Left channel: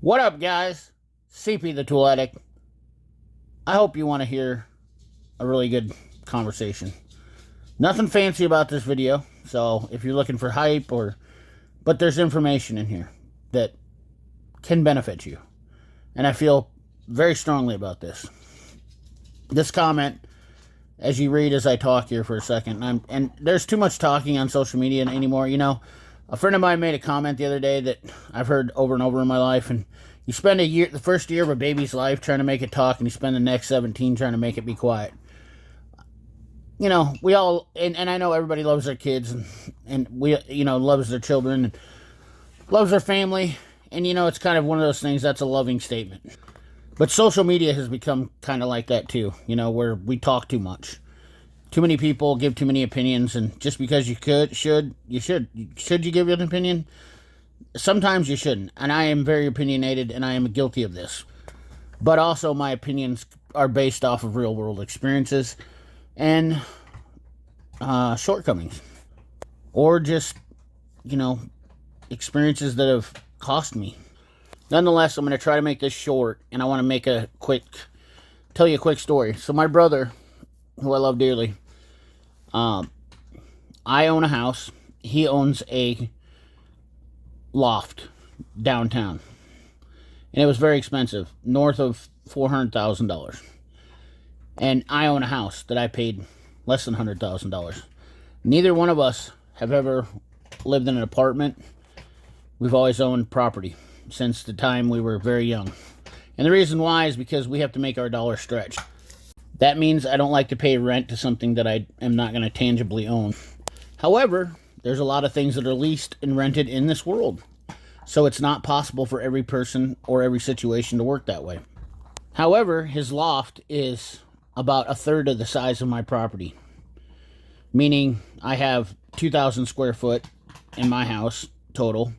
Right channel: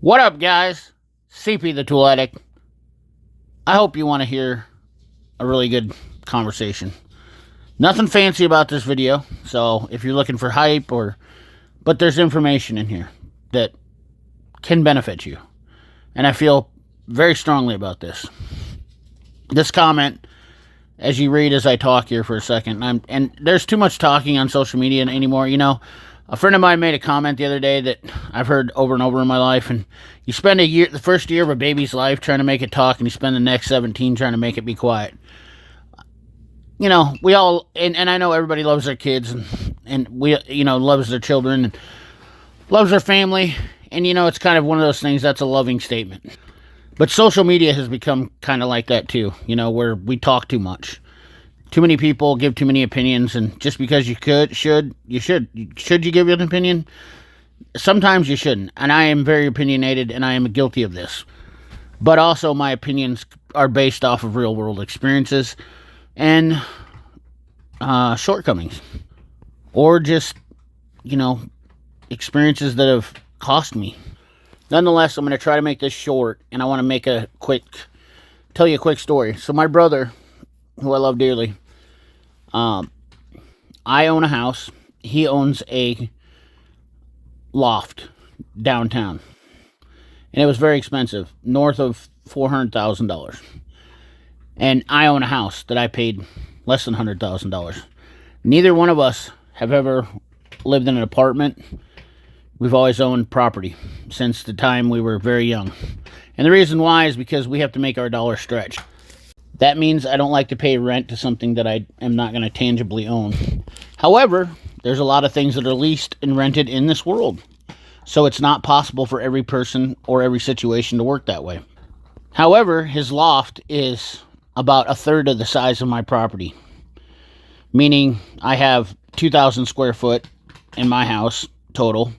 What up, guys? CP the Tool Addict. I hope you want to hear a really good conversation. Nothing fancy about this video, so if you're looking for hype but there's information in here that can benefit you. And I feel very strongly about this. This comment, as you read as I talk here for a second, and there's too much talking on social media anymore, A friend of mine made a comment the other day that I've heard over and over in my life, and you spend the first year of a baby's life trying to make it talk, and you spend the next 17 trying to make it be quiet. We all, and I know everybody loves their kids, and we, loves their children, and loves their family, and it's kind of one of those things that's a loving statement. But social media has become kind of like that too, where we talk too much. Too many people give too many opinions, and just because you should you give an opinion? Sometimes you shouldn't, and I am very opinionated, and I am guilty of this. But also, my opinions are based off of real-world experiences and shortcomings, or just, experiences that have cost me. Nonetheless, I'm going to try to make this short, and I want to tell you a quick story. So my brother, who I love dearly, I own a house. He owns a loft downtown, and it was very expensive, north of $400,000. And I own a house that I paid less than $100,000. Neither one of us have ever lived in an apartment. We've always owned property since the time we were very young. And the reason why is because we have to make our dollar stretch. That means I don't like to pay rent to something that I am not going to tangibly own. However, there's a lot of things that are leased and rented in this world. So it's not possible for every person or every situation to work that way. However, his loft is about a third of the size of my property. Meaning I have 2,000 square foot in my house total,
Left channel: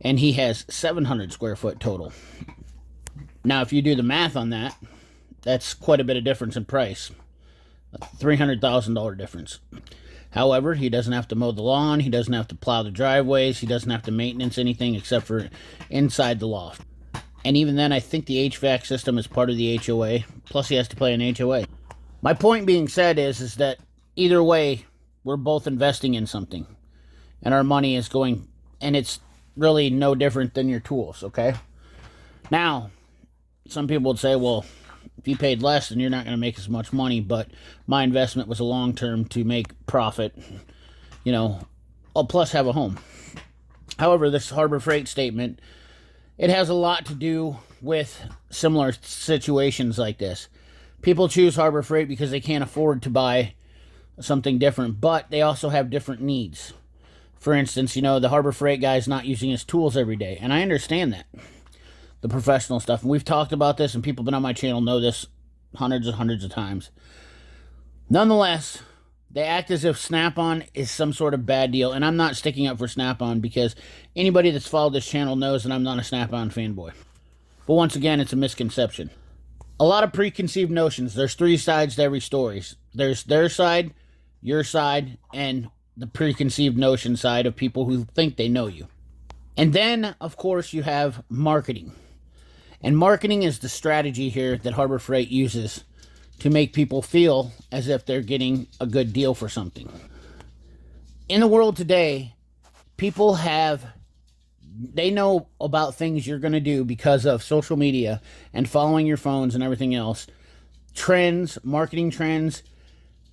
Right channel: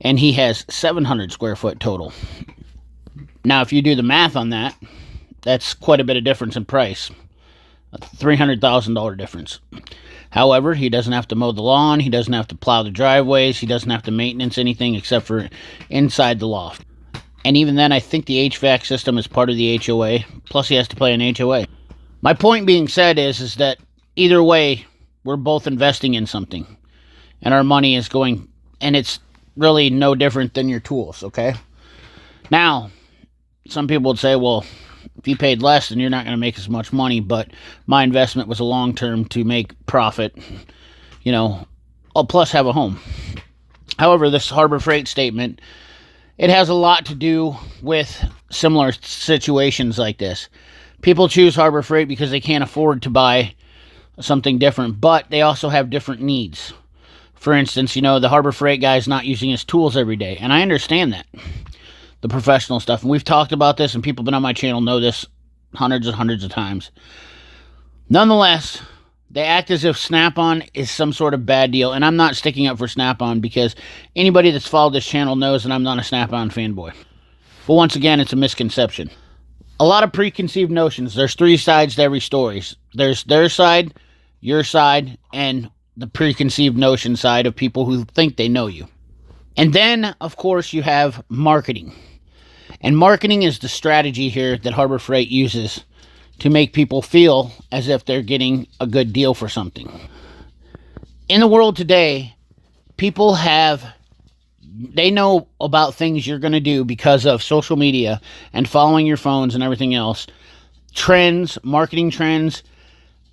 and he has 700 square foot total. Now, if you do the math on that, that's quite a bit of difference in price. A $300,000 difference. However, he doesn't have to mow the lawn. He doesn't have to plow the driveways. He doesn't have to maintenance anything except for inside the loft. And even then, I think the HVAC system is part of the HOA. Plus, he has to pay an HOA. My point being said is that either way, we're both investing in something. And our money is going, and it's really no different than your tools, okay? Now, some people would say, well, if you paid less, then you're not going to make as much money, but my investment was a long-term to make profit, plus have a home. However, this Harbor Freight statement, it has a lot to do with similar situations like this. People choose Harbor Freight because they can't afford to buy something different, but they also have different needs. For instance, the Harbor Freight guy is not using his tools every day, and I understand that. The professional stuff. And we've talked about this, and people been on my channel know this hundreds and hundreds of times. Nonetheless, they act as if Snap-on is some sort of bad deal. And I'm not sticking up for Snap-on because anybody that's followed this channel knows that I'm not a Snap-on fanboy. But once again, it's a misconception. A lot of preconceived notions. There's three sides to every story. There's their side, your side, and the preconceived notion side of people who think they know you. And then, of course, you have marketing. And marketing is the strategy here that Harbor Freight uses to make people feel as if they're getting a good deal for something. In the world today, people they know about things you're going to do because of social media and following your phones and everything else. Trends, marketing trends.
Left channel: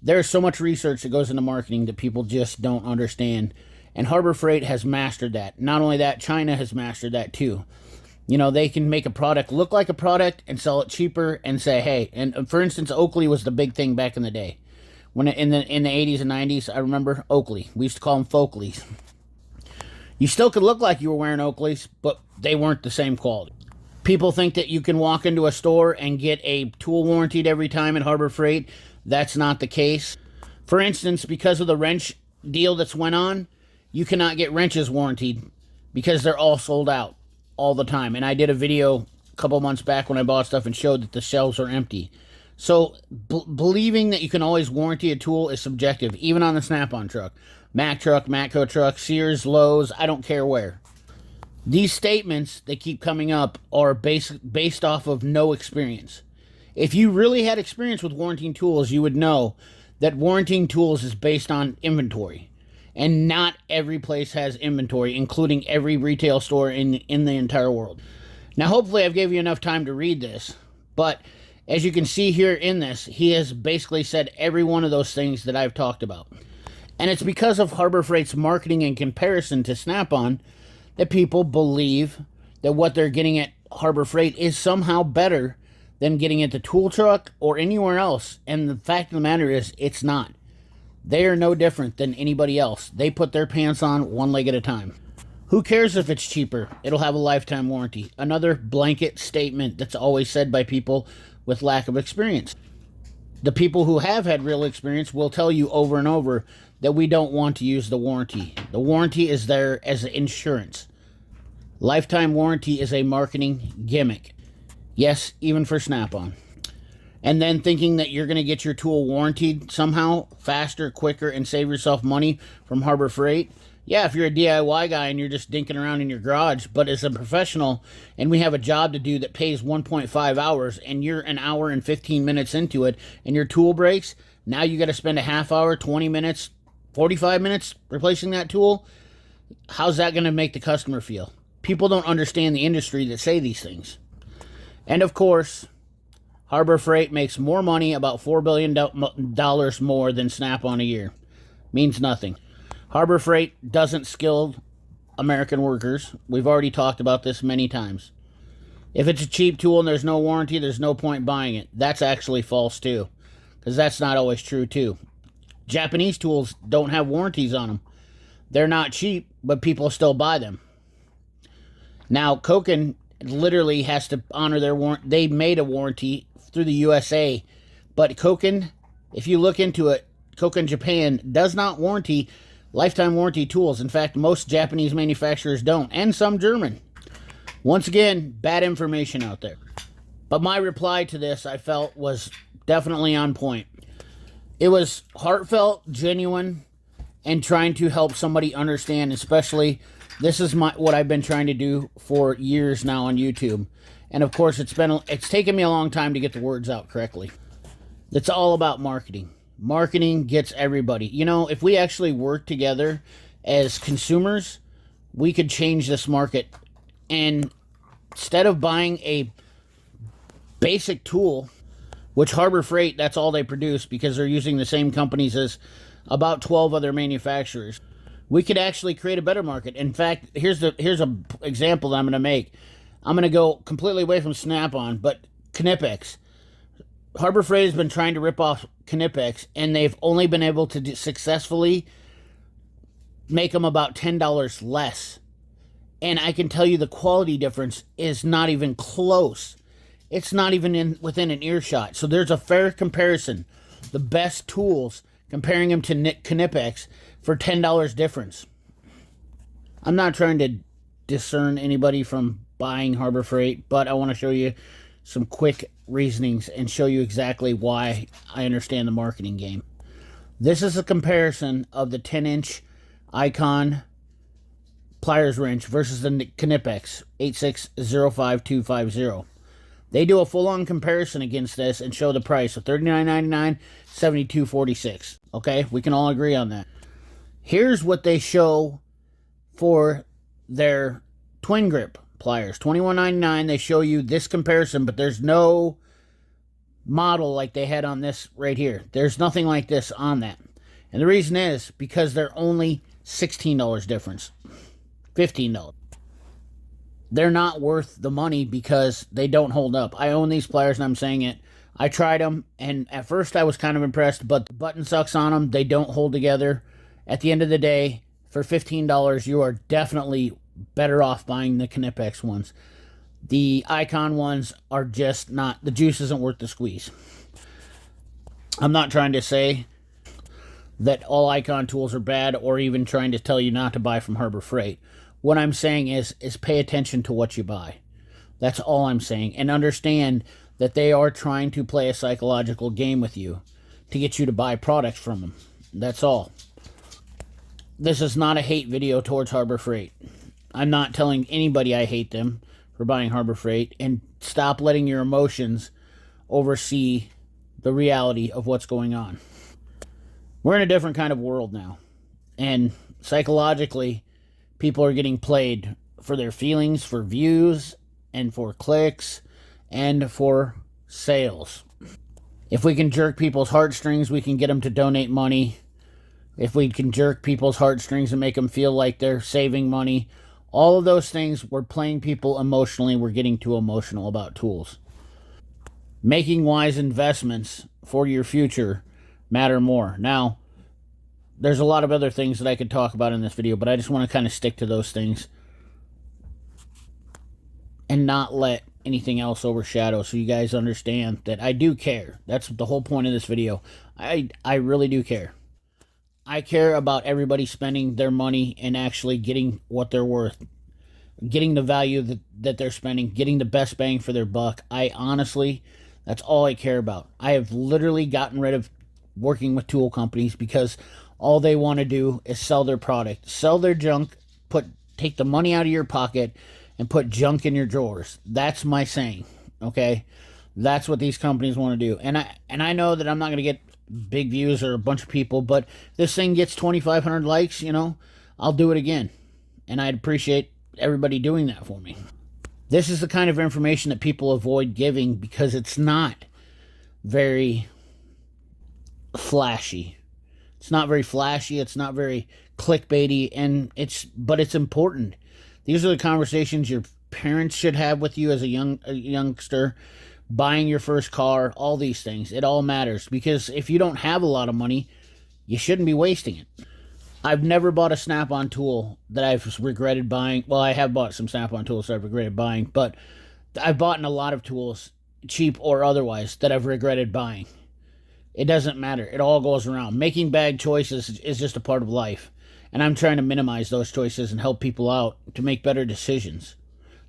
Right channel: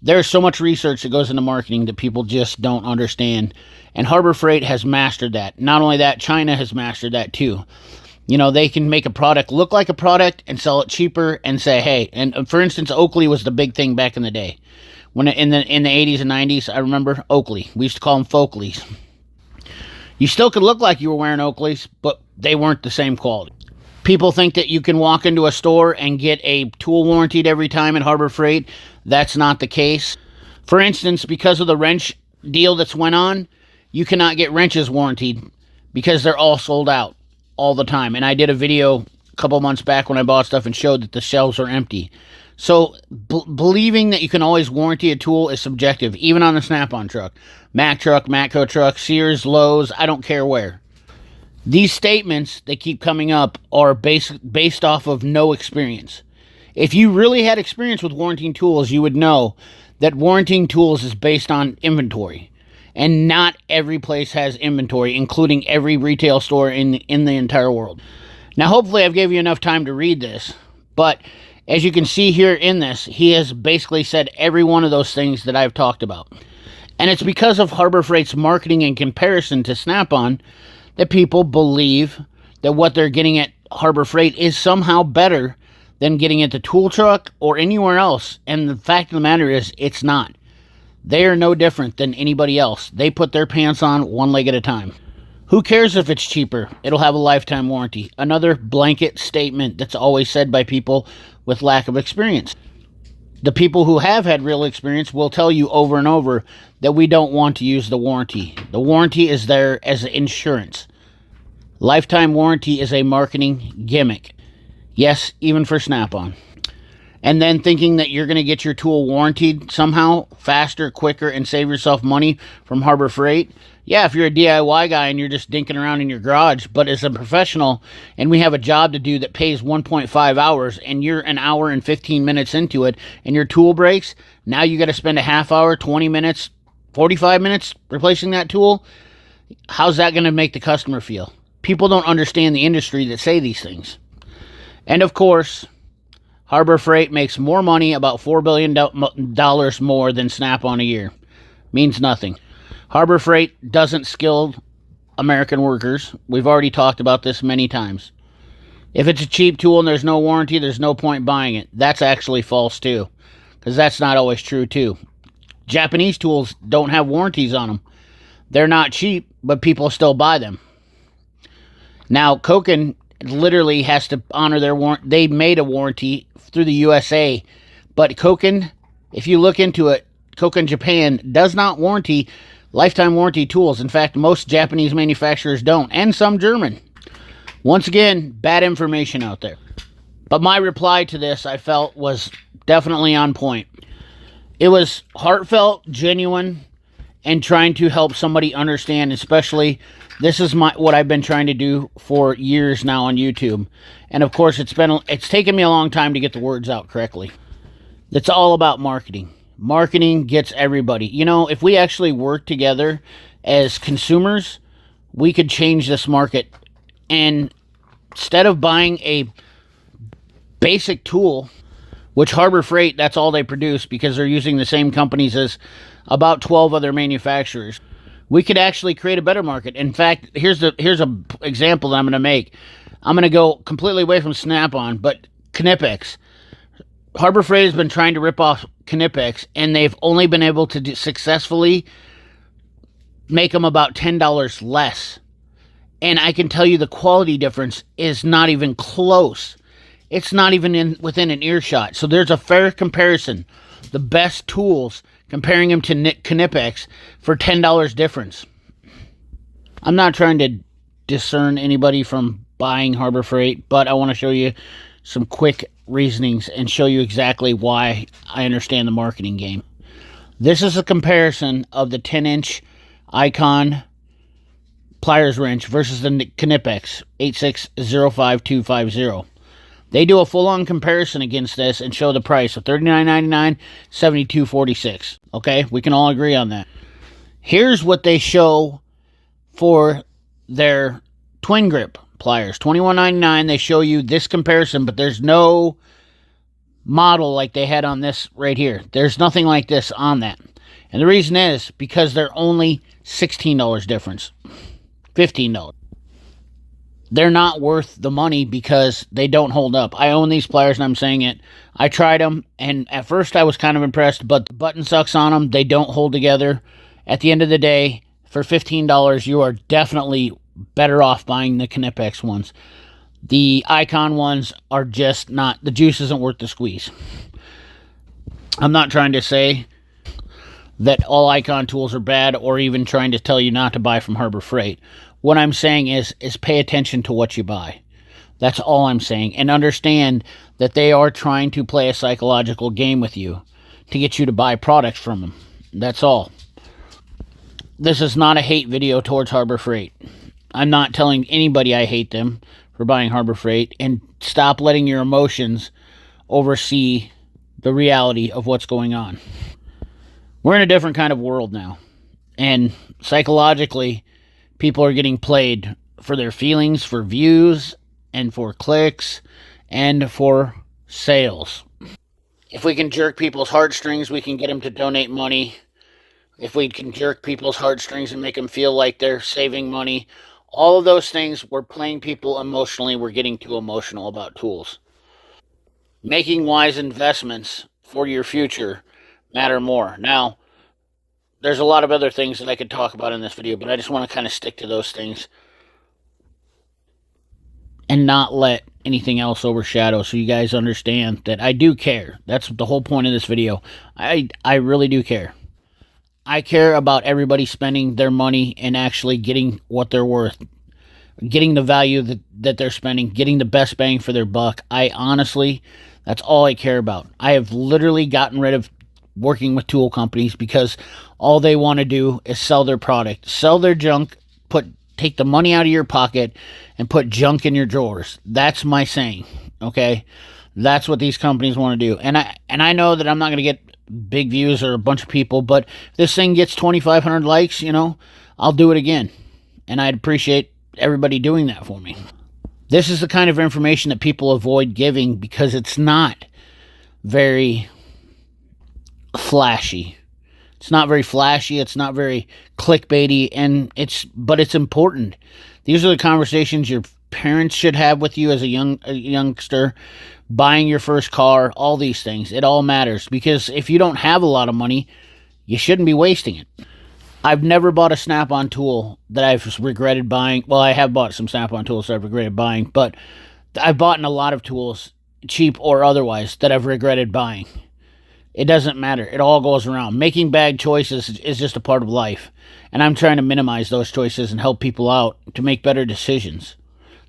There's so much research that goes into marketing that people just don't understand. And Harbor Freight has mastered that. Not only that, China has mastered that too. They can make a product look like a product and sell it cheaper and say, hey, and for instance, Oakley was the big thing back in the day. When in the 80s and 90s, I remember Oakley. We used to call them Folkleys. You still could look like you were wearing Oakleys, but they weren't the same quality. People think that you can walk into a store and get a tool warranted every time at Harbor Freight. That's not the case. For instance, because of the wrench deal that's went on, you cannot get wrenches warranted because they're all sold out all the time. And I did a video a couple months back when I bought stuff and showed that the shelves are empty. So believing that you can always warranty a tool is subjective, even on the Snap-on truck. Mack truck, Matco truck, Sears, Lowe's, I don't care where. These statements that keep coming up are based off of no experience. If you really had experience with warranting tools, you would know that warranting tools is based on inventory. And not every place has inventory, including every retail store in the entire world. Now, hopefully I've gave you enough time to read this, but as you can see here in this, he has basically said every one of those things that I've talked about. And it's because of Harbor Freight's marketing in comparison to Snap-on that people believe that what they're getting at Harbor Freight is somehow better than getting at the tool truck or anywhere else. And the fact of the matter is, it's not. They are no different than anybody else. They put their pants on one leg at a time. Who cares if it's cheaper? It'll have a lifetime warranty. Another blanket statement that's always said by people with lack of experience. The people who have had real experience will tell you over and over that we don't want to use the warranty. The warranty is there as insurance. Lifetime warranty is a marketing gimmick. Yes, even for Snap-on. And then thinking that you're going to get your tool warranted somehow faster, quicker, and save yourself money from Harbor Freight. Yeah, if you're a DIY guy and you're just dinking around in your garage, but as a professional and we have a job to do that pays 1.5 hours and you're an hour and 15 minutes into it and your tool breaks, now you got to spend a half hour, 20 minutes, 45 minutes replacing that tool. How's that going to make the customer feel? People don't understand the industry that say these things. And of course, Harbor Freight makes more money, about $4 billion more than Snap-on a year. Means nothing. Harbor Freight doesn't skill American workers. We've already talked about this many times. If it's a cheap tool and there's no warranty, there's no point buying it. That's actually false too, because that's not always true too. Japanese tools don't have warranties on them. They're not cheap, but people still buy them. Now, Koken literally has to honor their warranty. They made a warranty through the USA, but Koken, if you look into it, Koken Japan does not warranty lifetime warranty tools. In fact, most Japanese manufacturers don't, and some German. Once again, bad information out there. But my reply to this, I felt, was definitely on point. It was heartfelt, genuine, and trying to help somebody understand, especially this is what I've been trying to do for years now on YouTube. And of course, it's taken me a long time to get the words out correctly. It's all about marketing. Marketing gets everybody. You know, if we actually work together as consumers, we could change this market. And instead of buying a basic tool, which Harbor Freight, that's all they produce because they're using the same companies as about 12 other manufacturers, we could actually create a better market. In fact, here's an example that I'm going to make. I'm going to go completely away from Snap-on, but Knipex. Harbor Freight has been trying to rip off Knipex, and they've only been able to successfully make them about $10 less. And I can tell you the quality difference is not even close. It's not even within an earshot. So there's a fair comparison. The best tools, comparing them to Knipex for $10 difference. I'm not trying to discern anybody from buying Harbor Freight, but I want to show you some quick reasonings and show you exactly why I understand the marketing game. This is a comparison of the 10-inch Icon pliers wrench versus the Knipex 8605250. They do a full-on comparison against this and show the price of $39.99, $72.46. Okay, we can all agree on that. Here's what they show for their twin grip pliers. $21.99. They show you this comparison, but there's no model like they had on this right here. There's nothing like this on that. And the reason is because they're only $16 difference. $15. They're not worth the money because they don't hold up. I own these pliers and I'm saying it. I tried them and at first I was kind of impressed, but the button sucks on them. They don't hold together. At the end of the day, for $15, you are definitely better off buying the Knipex ones. The Icon ones are just not, the juice isn't worth the squeeze. I'm not trying to say that all Icon tools are bad or even trying to tell you not to buy from Harbor Freight. What I'm saying is pay attention to what you buy. That's all I'm saying. And understand that they are trying to play a psychological game with you to get you to buy products from them. That's all. This is not a hate video towards Harbor Freight. I'm not telling anybody I hate them for buying Harbor Freight, and stop letting your emotions oversee the reality of what's going on. We're in a different kind of world now, and psychologically, people are getting played for their feelings, for views, and for clicks, and for sales. If we can jerk people's heartstrings, we can get them to donate money. If we can jerk people's heartstrings and make them feel like they're saving money, all of those things, we're playing people emotionally. We're getting too emotional about tools. Making wise investments for your future matter more. Now, there's a lot of other things that I could talk about in this video, but I just want to kind of stick to those things and not let anything else overshadow, so you guys understand that I do care. That's the whole point of this video. I really do care. I care about everybody spending their money and actually getting what they're worth, getting the value that they're spending, getting the best bang for their buck. I honestly, that's all I care about. I have literally gotten rid of working with tool companies because all they want to do is sell their product, sell their junk, take the money out of your pocket and put junk in your drawers. That's my saying, okay? That's what these companies want to do. And I know that I'm not going to get big views or a bunch of people, but if this thing gets 2,500 likes, I'll do it again. And I'd appreciate everybody doing that for me. This is the kind of information that people avoid giving because it's not very flashy. It's not very flashy, it's not very clickbaity, but it's important. These are the conversations your parents should have with you as a youngster, buying your first car, all these things. It all matters, because if you don't have a lot of money, you shouldn't be wasting it. I've never bought a Snap-on tool that I've regretted buying. Well, I have bought some Snap-on tools that I've regretted buying, but I've bought a lot of tools, cheap or otherwise, that I've regretted buying. It doesn't matter. It all goes around. Making bad choices is just a part of life. And I'm trying to minimize those choices and help people out to make better decisions.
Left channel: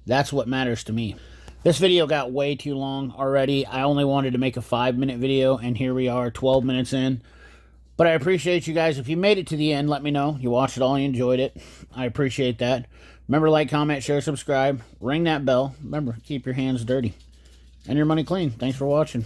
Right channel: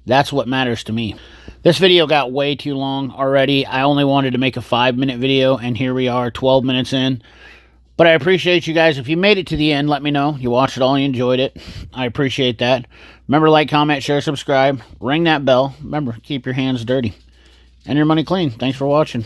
That's what matters to me. This video got way too long already. I only wanted to make a 5-minute video, and here we are, 12 minutes in. But I appreciate you guys. If you made it to the end, let me know. You watched it all, you enjoyed it. I appreciate that. Remember, like, comment, share, subscribe. Ring that bell. Remember, keep your hands dirty and your money clean. Thanks for watching.